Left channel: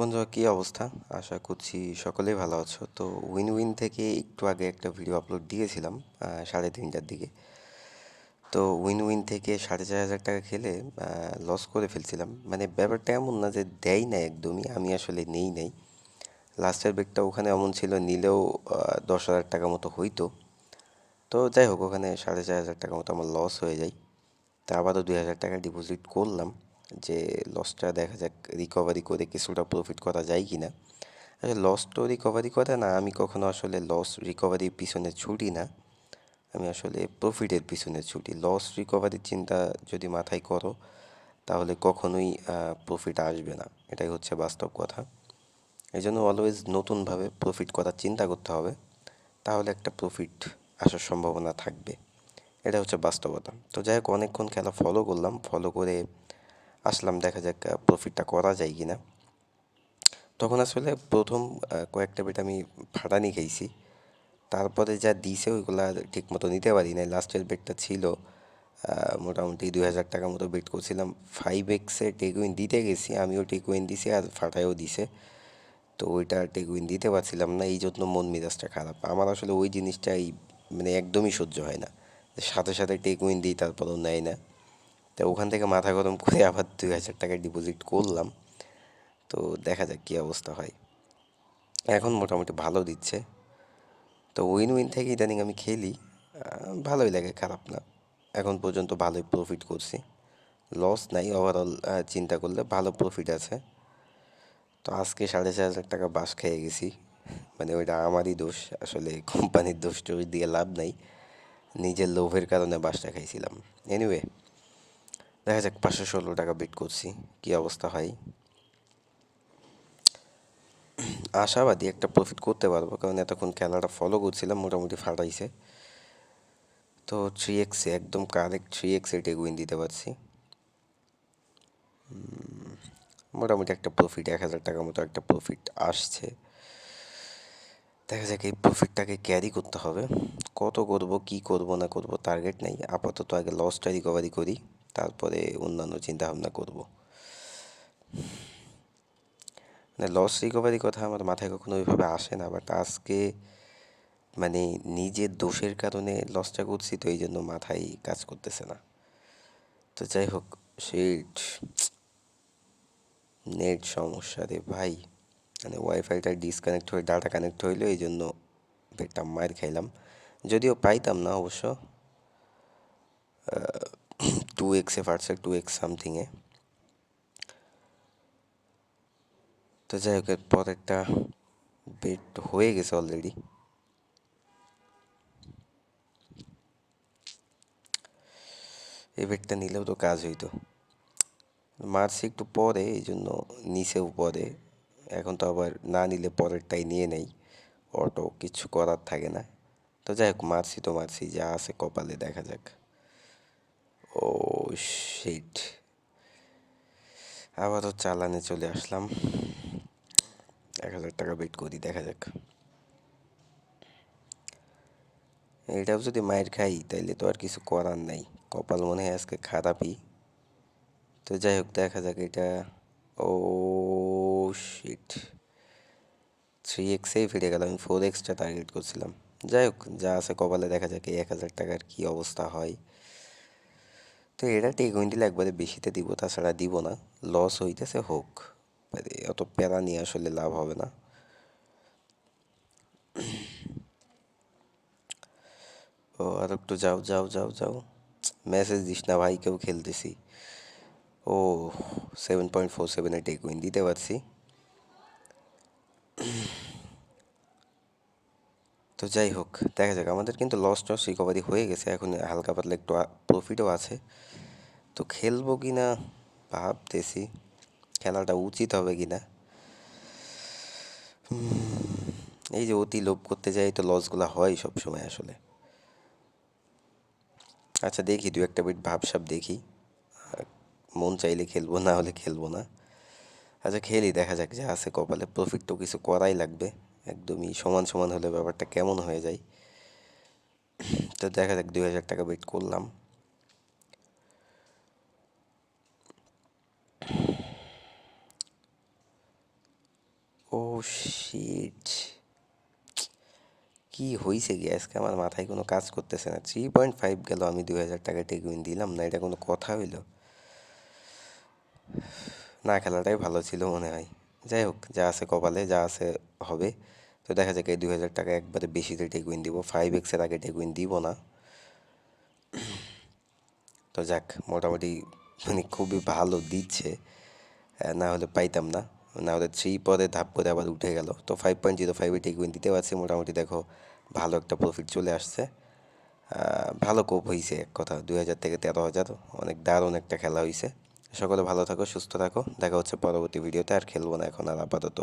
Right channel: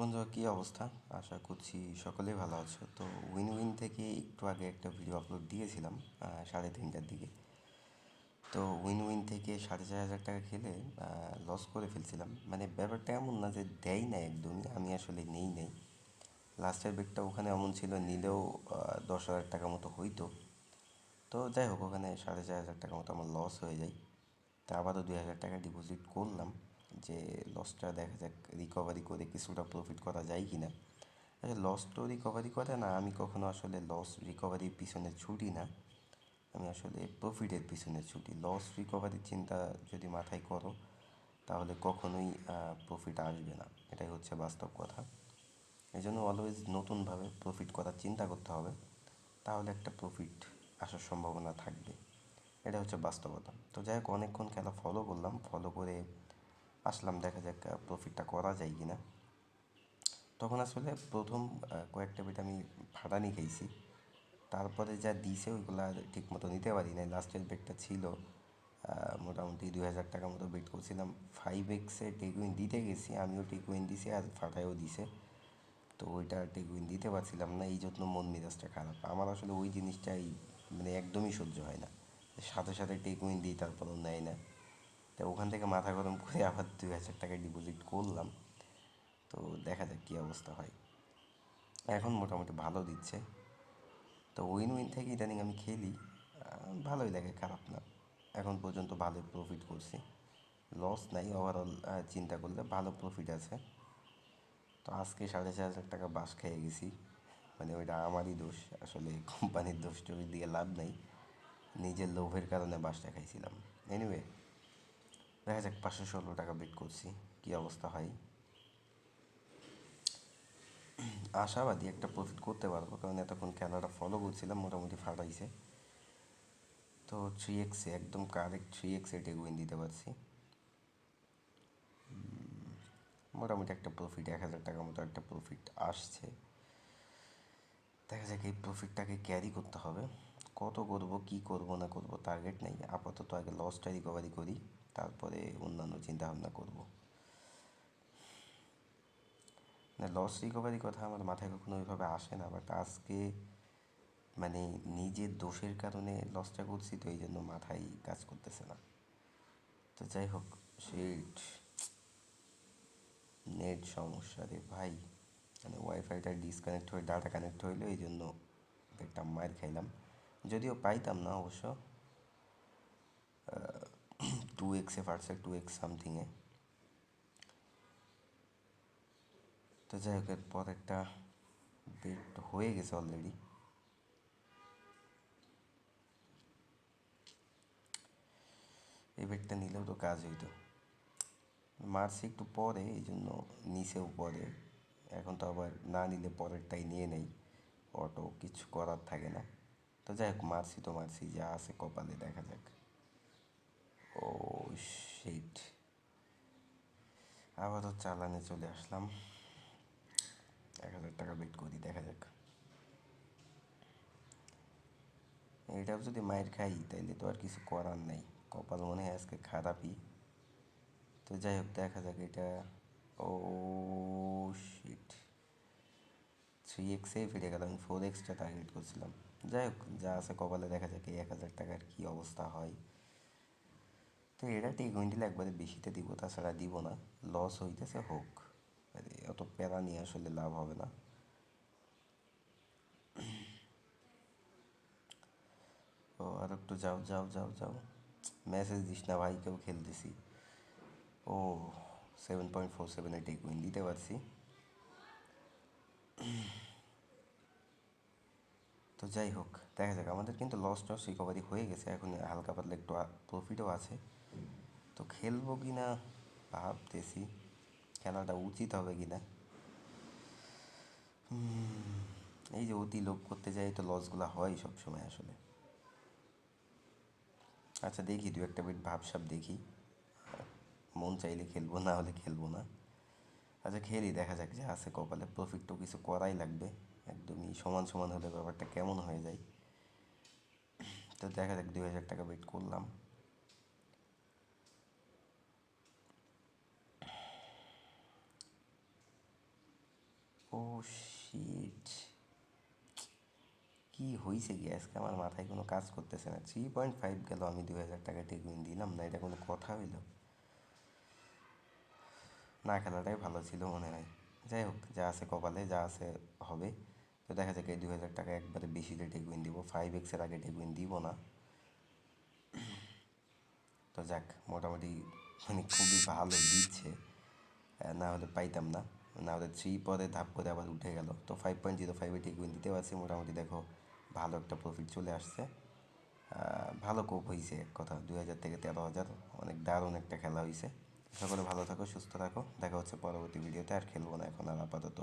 বন্ধুরা, কী অবস্থা? আশা করছি সকলেই ভালো আছো। তো উইন উইন থেকে একটু আগে একটা ভিডিও আপলোড দিয়েছিলাম 3:30টার দিকে। তো উইন উইন থেকে 4,500 টাকা খেলে লস করে ফেলছিলাম। মানে ব্যাপারটা এমন না যে দেয় না, একদমই আমি আসলে নেই নাই। লাস্টের বেটটা ওখানে এমন ছিল, নিলেও 10,000 টাকা মতো হইতো। তো যাই হোক, ওখানে 4,500 টাকা মতো আমার লস হয়ে যায়। তা আবারও 2,000 টাকা ডিপোজিট করলাম, যে লসটা দেখা যাক রিকভারি করে কিছুটা প্রফিট করা যায় কি না। আসলে লস তো রিকভারি করে না, আমি কখনো আসলে লস রিকভারির পিছনে ছুটি না। আমি আসলে প্রফিটের পিছনে ছুটি। লস রিকভারির চিন্তা যদি মাথায় করো, তাহলে কখনোই প্রফিট আসবে না। এটাই হচ্ছে বাস্তব কথা। এই জন্য অলওয়েজ নতুনভাবে প্রফিট করার চিন্তা করতে হবে, তাহলে একটা প্রফিট আসার সম্ভাবনা থাকবে। এটা হচ্ছে বাস্তবতা। তো যাই হোক, অনেকক্ষণ খেলা ফলো করলাম, ফলো করে আসলাম, দেখা যাক প্রফিটটা করা যায় কি না। তখন আসলে প্রথম কয়েকটা বেট আমি ফাটানি খাইছি। তারপরে যা দিছে ওইগুলা ঠিক মতো নিতে পারি নাই। লাস্টের বেটটা ছিল মোটামুটি 2,000 টাকা মতো বেট করছিলাম। 5x টেকউইন দিতে গেছি, আমিও টেকউইন দিছি আর ফাটাইও দিছে। তো ওইটা টেকউইন দিতে পারছিলাম না, এই জন্য মন মেজাজটা খারাপ আমার। আসলে ওই জিনিসটাই মানে একদমই সহ্য হয় না, যে সাথে সাথে টেকউইন দিই তারপরেও নেয় না। তো ওখান থেকে মাথা গরম করে আবার 2,000 টাকা ডিপোজিট করলাম। তো দেখা যাক কী অবস্থা হয়। এখন মোটামুটি ভালো দিচ্ছে। তো উইন উইন থেকে ইদানিং আমি খেলি, ভালোই লাগে, খারাপ না। এখন পর্যন্ত ভালোই প্রফিট করছি, লস নাই। ওভারঅল চিন্তা করলে ভালো প্রফিট আছে। তো আজকে 4,500 টাকা বাস খেয়ে গেছি। মানে ওইটা আমারই দোষ, আসলে কোম্পানির দোষ টোষ দিয়ে লাভ নাই। নিজের লোভের কারণে বাসটা খাইছিলাম। এনিওয়ে, দেখা যাক 516 টাকা বিট করছি, কী অবস্থা হয়। আশাবাদী একটা প্রফিট করতে পারবো, কারণ এতক্ষণ খেলাটা ফলো করছিলাম, মোটামুটি ফাটাইছে। তো 3x একদম কারেক্ট 3x টেকউইন দিতে পারছি। মোটামুটি একটা প্রফিট 1,000 টাকার মতো একটা প্রফিট আসছে। দেখা যাক এই প্রফিটটাকে ক্যারি করতে হবে। কত করব, কি করব না করব টার্গেট নেই, আপাতত আগে লসটা রিকভারি করি, তারপরে অন্যান্য চিন্তা ভাবনা করব। মানে লস রিকভারির কথা আমার মাথায় কখনো ওইভাবে আসে না, বাট আজকে মানে নিজের দোষের কারণে লসটা করছি, তো এই জন্য মাথায় কাজ করতেছে না। তো যাই হোক, শিট, নেট সমস্যা রে ভাই। মানে ওয়াইফাইটা ডিসকানেক্ট হয়ে ডাটা কানেক্ট হইলো, এই জন্য পেটটা মার খাইলাম। যদিও পাইতাম না অবশ্য, 2x ফাটছে, 2x সামথিংয়ে। তো যাই হোক, এর পরেরটা বেট হয়ে গেছে অলরেডি। এই বেটটা নিলেও তো কাজ হইতো। মারছি একটু পরে, এই জন্য নিচেও পরে। এখন তো আবার না নিলে পরেরটাই নিয়ে নেই, অটো কিছু করার থাকে না। তো যাই হোক, মারছি তো মারছি, যা আছে কপালে, দেখা যাক। ও শিট, আবারও চালানে চলে আসলাম। 1,000 টাকা বেট করি, দেখা যাক। এটাও যদি মায়ের খাই তাইলে তো আর কিছু করার নাই, কপাল মনে হয় আজকে খারাপই। তো যাই হোক, দেখা যাক এটা। ও শিট, 3xই ফিরে গেল, আমি 4xটা টার্গেট করছিলাম। যাই হোক, যা আছে কপালে, দেখা যাক এই 1,000 টাকার কী অবস্থা হয়। তো এটা টেকউইন দিলে একবারে বেশিতে দিব, তাছাড়া দিব না। লস হইতেছে হোক, মানে অত প্যারা নিয়ে আসলে লাভ হবে না। ও আর একটু যাও যাও যাও যাও, মেসেজ দিস না ভাই, কেউ খেলতেছি। ও 7.47 টেকউইন দিতে পারছি। তো যাই হোক, দেখা যাক। আমাদের কিন্তু লস টস রিকভারি হয়ে গেছে, এখন হালকা পাতলা একটু প্রফিটও আছে। তো খেলবো কি না ভাবতেছি, খেলাটা উচিত হবে কি না। এই যে অতি লোভ করতে যাই, তো লসগুলো হয় সব সময় আসলে। আচ্ছা দেখি, দু একটা বিট ভাবসাব দেখি, মন চাইলে খেলবো, না হলে খেলবো না। আচ্ছা খেলি, দেখা যাক, যা আছে কপালে। প্রফিট তো কিছু করাই লাগবে, একদমই সমান সমান হলে ব্যাপারটা কেমন হয়ে যায়। তো দেখা যাক, 2,000 টাকা বেট করলাম। শিট, কি হয়েছে কি আজকে আমার মাথায় কোনো কাজ করতেছে না। 3.5 গেল, আমি 2000 টাকা টেক উইন দিলাম না, এটা কোনো কথা হইলো? না খেলাটাই ভালো ছিল মনে হয়। যাই হোক, যা আছে কপালে, যা আছে হবে। তো দেখা যাক, এই 2000 টাকা একবারে বেশিতে টেক উইন দিব, 5x-এর আগে টেক উইন দিব না। তো যাক, মোটামুটি মানে খুবই ভালো দিচ্ছে। না হলে পাইতাম না, না হলে 3 পরে ধাপ করে আবার উঠে গেল। তো 5.05-এ টেক উইন দিতে পারছি মোটামুটি। দেখো, ভালো একটা প্রফিট চলে আসছে। ভালো কোপ হয়েছে এক কথা, 2000 থেকে 13,000, অনেক দারুণ একটা খেলা হয়েছে। সকলে ভালো থাকো, সুস্থ থাকো, দেখা হচ্ছে পরবর্তী ভিডিওতে। আর খেলবো না এখন আর আপাতত।